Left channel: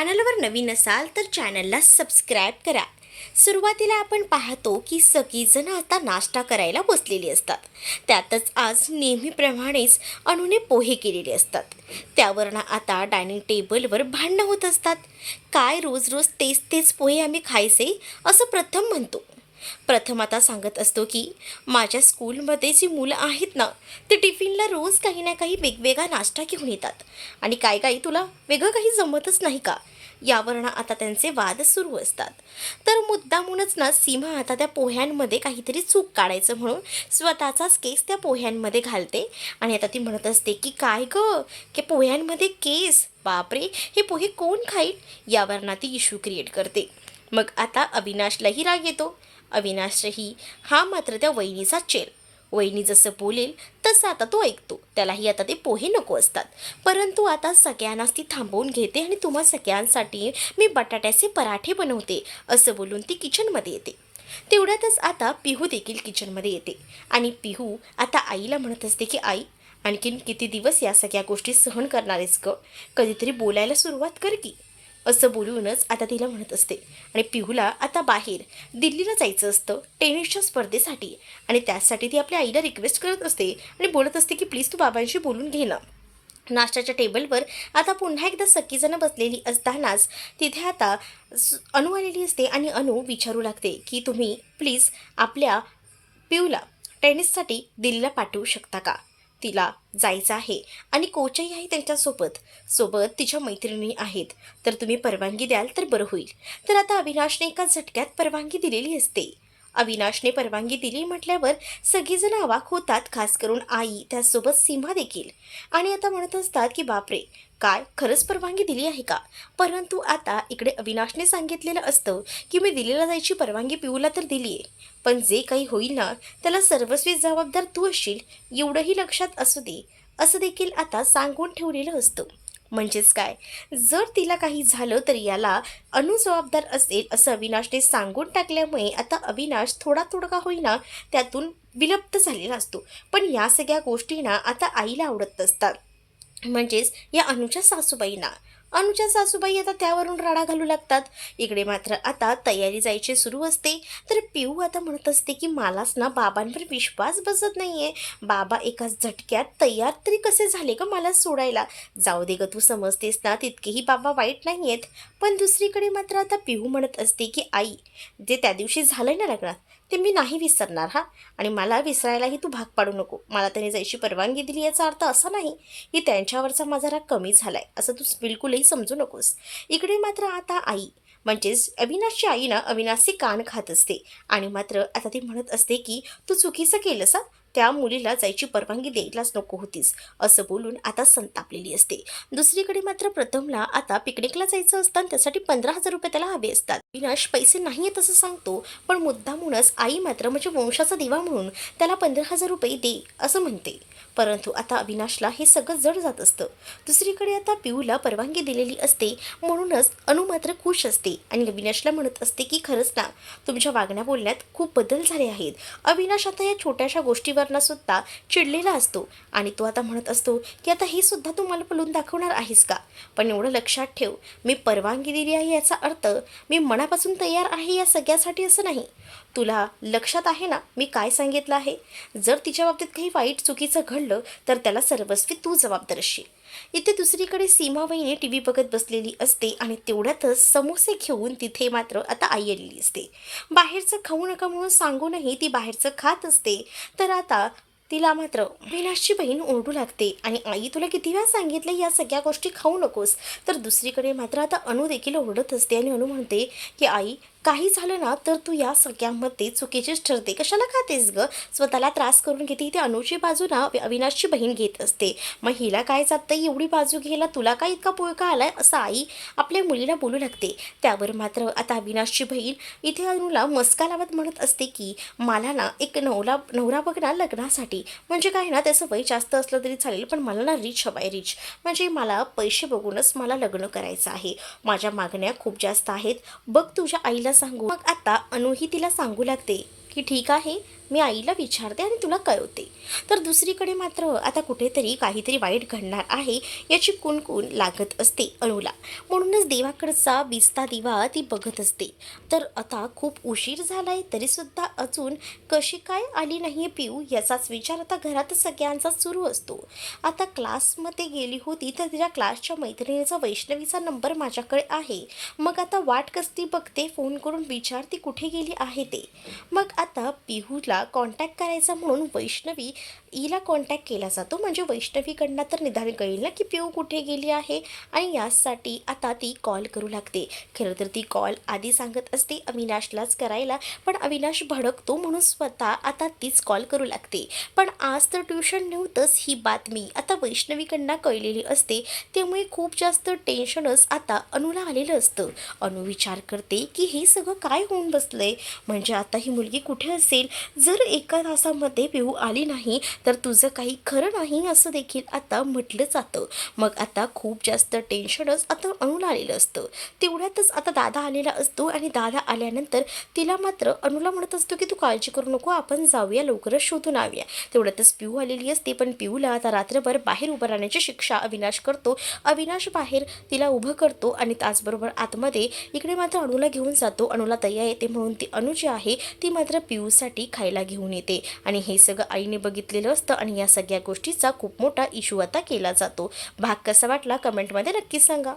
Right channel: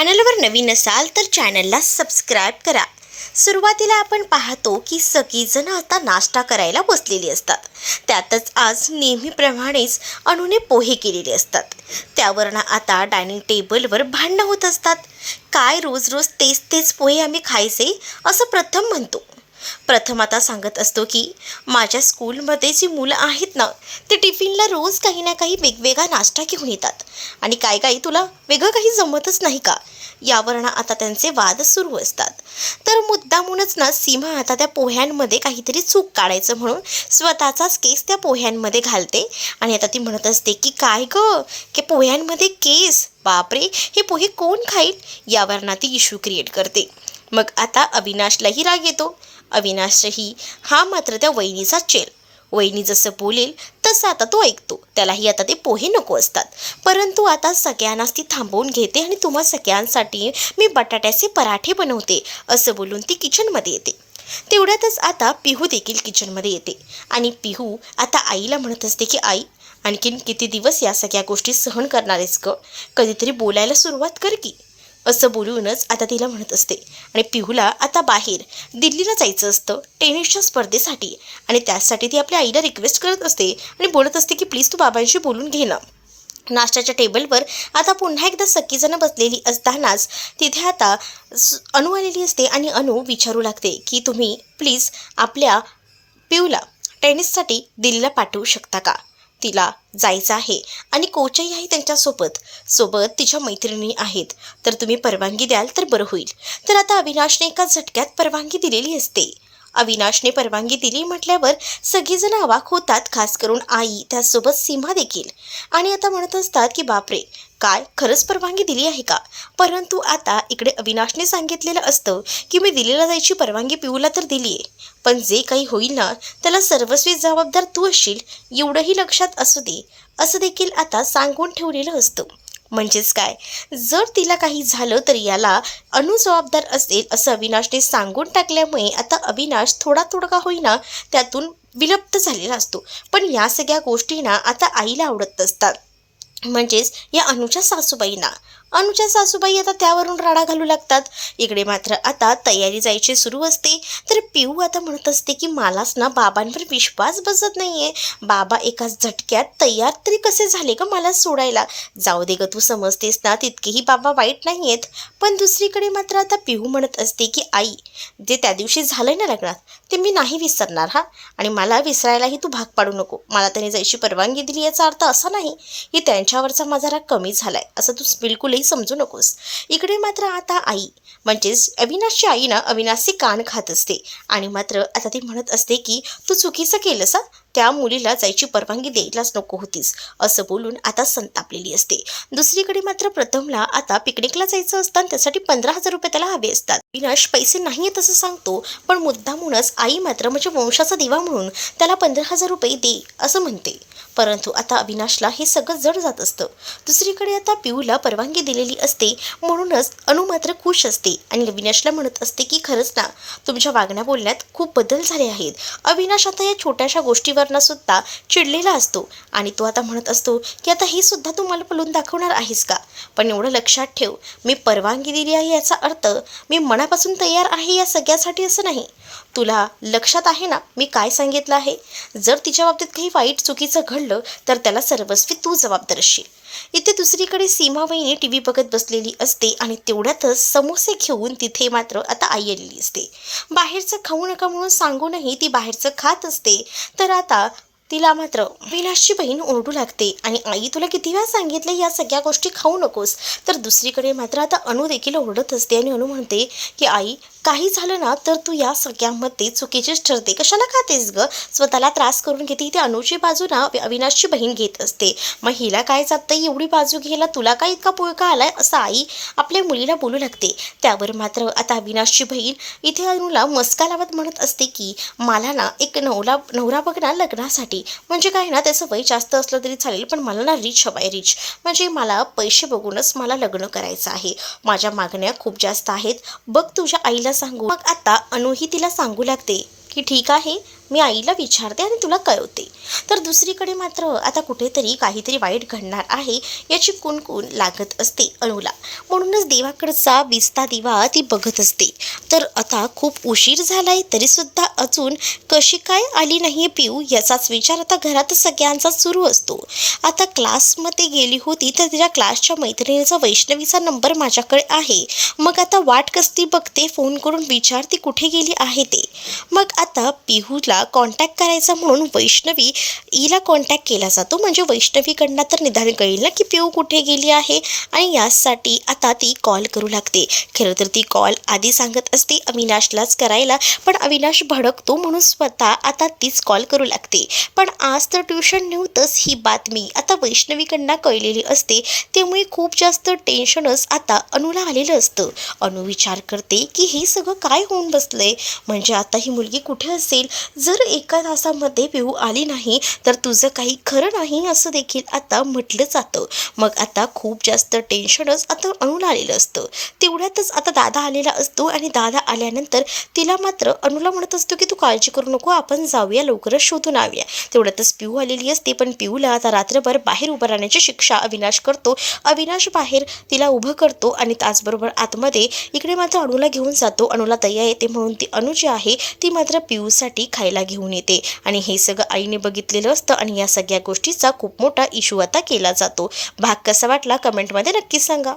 चॅनलवर नवीन असाल तर चॅनलला सबस्क्राईब करा. सुरुवातीला आपण पाहतो की सगळीजण आता नाश्ता करायला बसलेली असतात. त्यातच आज नेहमीप्रमाणेच अणूने पोहे केलेले असतात. त्यावरनं आता डायनिंग टेबलवर भांडणं होत असतात. काय रोज रोज तेच तेच पोहे आम्ही खायचे असं प्रथम म्हणतो. प्रथम आता सांगत असतो की माझ्या स्कूलमध्ये जी मुलं आहेत ना ते टिफिनला रोज काही ना काही वेगवेगळा नाश्ता घेऊन येतात. आणि काय काही तुला वेगळं काही जमतच नाही का? यावरनं आता त्यांचे वाद सुरू असतात. तर मुद्दामूनच ना सीमा आता त्या पोह्यांमध्ये काहीतरी चूक काढायचं म्हणून स्वतःचाच केस त्या पोह्यांमध्ये घालते. आणि आता ती म्हणत असते की काय ग? की पोह्यांमध्ये केस? बापरे! हे पोहे कोण खाईल? यावरनं ती इश्यू क्रिएट करते. मग आता अविनाशलाही राग येतो. अविनाशही हा मात्र त्या वहिनीचा चेल. वहिनी जसं बोलेल तसं आता तो ऐकतो. त्यालाही आता ते पोहे नको असतात. परंतु आता सगळ्यांनाच ती थांबवून घेते आणि तुम्हा सगळ्यांसाठी मी बटाट्याचे पराठे बनवते असं बोलून ती किचनमध्ये येते. तेवढ्यातच आता पिहू देखील किचनमध्ये येते. आणि पिहू आता आईला म्हणत असते की आई आणखीन किती दिवस या सगळ्या गोष्टी सहन करणारेस ग? कधीतरी बोलायला सुरुवात कर की. असं बोलूनच आता तिला म्हणत असते. आणि पिहूला आता बाहेर दिल्लीला जायचं असतं टेनिसच्या स्पर्धेसाठी. आणि त्यासाठी ती आपल्या आईला रिक्वेस्ट करत असते आणि बोलत असते की प्लीज तू बाबांशी बोलून घे ना. नाश्त्याच्या टेबलवर आता पुन्हा एकदा सखीजणं बसलेली असतानाच तिथे आता अनु आलेली असते आणि अनु विचारू लागते की तुम्ही प्लीज आपल्या पिऊला टेनिससाठी दिल्लीला पाठवू शकता का? तिला जायचं आहे. आणि कोचही आहे त्यांच्यासोबत. सोबत तिच्या मैत्रिणी आहेत. तर तुम्ही परवानगी द्याल तर बरं होईल. तर आता अविनाशने एका झटक्यात परवानगी दिलेली असते. अविनाशने परवानगी दिली म्हटल्यावर सगळीजण अवाक होतात खास करून आई त्यासोबत सीमा देखील. आणि आता म्हणत असतात की बापरे काय? खरंच परवानगी दिली आहे का? परंतु आता इकडे अविनाशने सांगितलेलं असतं की मी दिलेला जायची परवानगी पिऊला तर दिली आहे पण जे काही होईल ना त्याला सर्वस्वी जबाबदार तू असशील एवढंही लक्षात असू दे. असं देखील आता सांगून ठेवलेलं असतं. म्हणजेच काय? जर तिला काही झालं तर याला अनु जबाबदार असेल असं अविनाशने सांगून टाकल्यामुळे आता अविनाश थोडा थोडका होईना त्यातून विलुप्त झालेला असतो. पण या सगळ्या गोष्टींना आता आईला आवडत असतात म्हणजेच या अनुच्या सासूबाईंना. अनुच्या सासूबाई आता त्यावरून राडा घालू लागतात. इकडे मात्र आता तयारी जायची सुरू असते. तर पिऊ आता म्हणत असते की मलाच ना बाबांवर विश्वास बसत नाहीये. बाबा एका झटक्यात तयार तरी कसे झाले का मला सोडायला? जाऊ दे ग तू समजतेस ना तितकेही बाबा वाईट नाही आहेत पण दुसरीकडे मात्र आता पिहू म्हणत असते की आई जे त्या दिवशी झालंय ना लग्नात ते मी नाही विसरणार हा? आणि मला विसरायलाही तू भाग पाडू नको. मला त्याने जायची परवानगी दिली याचा अर्थ असा नाही की त्यांच्यावरचा माझा राग कमी झालाय. असं तू बिलकुलही समजू नकोस. इकडे मात्र आता आई म्हणजेच अविनाशची आई ना अविनाशचे कान खात असते. आणि मात्र आता ती म्हणत असते की तू चुकीचं केलंस त्या मुलीला जायची परवानगी द्यायलाच नको होतीस असं बोलून आता संतापलेली असते. दुसरीकडे मात्र प्रथमला आता पिकनिकला जायचं असतं त्यासाठी पंधरा हजार रुपये त्याला हवे असतात. विनाश पैसे नाही आहेत असं सांगतो पण मुद्दामूनच आई मात्र म्हणजे वंशाचा दिवा म्हणून त्याला पंधरा हजार रुपये दे असं म्हणते. परंतु आता अविनाशला हे सगळं जड जात असतं. दुसरीकडे आता पिऊला परवानगी दिलेली असते म्हणूनच अनु मात्र खुश असते आणि अविनाशला म्हणत असते की खरंच ना तुमच्या वागण्या बोलण्यात खूप बदल झाले आहेत. अविनाश आता या छोट्याशा गोष्टीवरनं सुद्धा चिडलेला असतो. आणि तो आता म्हणत असतो की आता हे सुद्धा तू मला बोलून दाखवणार आहेस का? पण एवढं लक्षात ठेव मी परवानगी दिली आहे याचा अर्थ मी मनापासून तयार आहे या सगळ्यासाठी असं नाही. तुला लक्षात आहे ना मी काय सांगितलं आहे? जर तिच्या बाबतीत काही वाईट चुकीचं घडलं तर त्याला सर्वस्वी तू जबाबदार असशील. इथे दुसरीकडे सीमा वहिनी टी व्ही बघत बसलेली असते आणि तेवढ्यातच समोसे घेऊन तिथे मात्र आता आई आलेली असते. बाहेरचं खाऊ नका म्हणून सांगूनही ती बाहेरचं खात असते. तर आता तिला मात्र विनाशची बहीण ओरडू लागते. आणि आई तुला किती वेळा सांगितलं या सगळ्या गोष्टी खाऊ नकोस? तर दुसरीकडे मात्र आता अनु देखील ओरडत असते आणि अनु म्हणते की आई काही झालं ना तर तू या सगळ्यामध्ये चुकीचीच ठरते. कशाला खातेस ग? स्वतःला त्रास करून घेते. इथे अनुची बाजू ना अविनाशची बहीण घेत असते. मग हिला काय चालतं एवढी बाजू घ्यायला तुला काय इतका पुळका आलाय? असं आई आपल्या मुलीला बोलू लागते. त्यावर मात्र आता अविनाशची बहीण इथे अनुला मस्का लावत म्हणत असते की मला ना एक नवला नवरा बघ ना लग्नासाठी. म्हणजे काय ना त्याचं वय जास्त असलं तरी चालेल पण मला ना रिच हवाय रिच म्हणजे मला पैसे बघूनच मला लग्न करायचं आहे. माझ्या मागण्या खूप जास्त आहेत. बघ तुझ्या आईला सांगू. मग आता अनुही तिला सांगू लागते की ठीक आहे मी आईला विचारते आणि तुला कळवते. तर दुसरीकडे मात्र आता कुठेतरी काहीतरी वाईट घडणार आहे याची कुणकुण लागत असते अणूला. म्हणूनच देवाकडचा विस्ता दिवा ती बघत असते. तर आता खूप उशीर झालाय तरीसुद्धा अजून कशी काय आली नाही पिऊ याचाच विचार आता घरात सगळ्यांचा सुरू असतो. आता क्लासमध्ये गेली होती तर तिच्या क्लासच्या मैत्रिणीचा वैष्णवीचा नंबर माझ्याकडे आहे. मग आता वाट कसती बघते? फोन करून विचार ती कुठे गेली आहे ते. मग आता पिहूला कॉन्टॅक्ट करायचा म्हणून वैष्णवी हिला कॉन्टॅक्ट केला जातो. म्हणजे वैष्णवीकडनं तर निदान कळेल ना की पिऊ कुठे गेली आहे आणि यासाठी आता ती कॉल करू लागते. खरं तर ती कॉल आधी सांगत असते अविनाशलाच करायला पण अविनाश भडकतो म्हणून स्वतः आता तीच कॉल करू लागते. पण आज तर ट्युशन नव्हतंच ही बातमी. आता वैष्णवीकडनं कळलेली असते त्यामुळे खूप जास्त टेन्शनच आता अनुला आलेलं असतं. अनु विचार करते की हे सगळं काय होऊन बसलंय? म्हणजे आता ही मुलगी कुठे असेल? जर एका तासामध्ये पिऊ आली नाही तर तुझं काही खरं नाही असं देखील आता म्हटलं जातं. मग आता खूप जास्त टेन्शनच आता अणूला आलेलं असतं. तेवढ्यातच आता दादा आलेला असतो आणि दादा आल्यानंतर तिला मात्र अणूला म्हणत असतो की तू काळजी करू नको आपण जाऊया लवकरच शोधून आणूया. तेवढ्यातच पिऊ आलेली असते पण पिऊला आता रात्रभर बाहेर उभं राहण्याची शिक्षा अविनाश करतो. अविनाश बाहेर तिला उभं करतो आणि त्याचबरोबर आतमध्ये इकडे मात्र अणूला घेऊन जातो. अणूला दया येते म्हणून ती अणू जी आहे ती मात्र पिऊसाठी खायला घेऊन येते. आणि हे सगळं आईने बघितलेलं असतं आणि या सगळ्या गोष्टीचा खूप मोठा इशू आता केला जातो. भाग कसा वाटला? कमेंटमध्ये नक्की सांगा.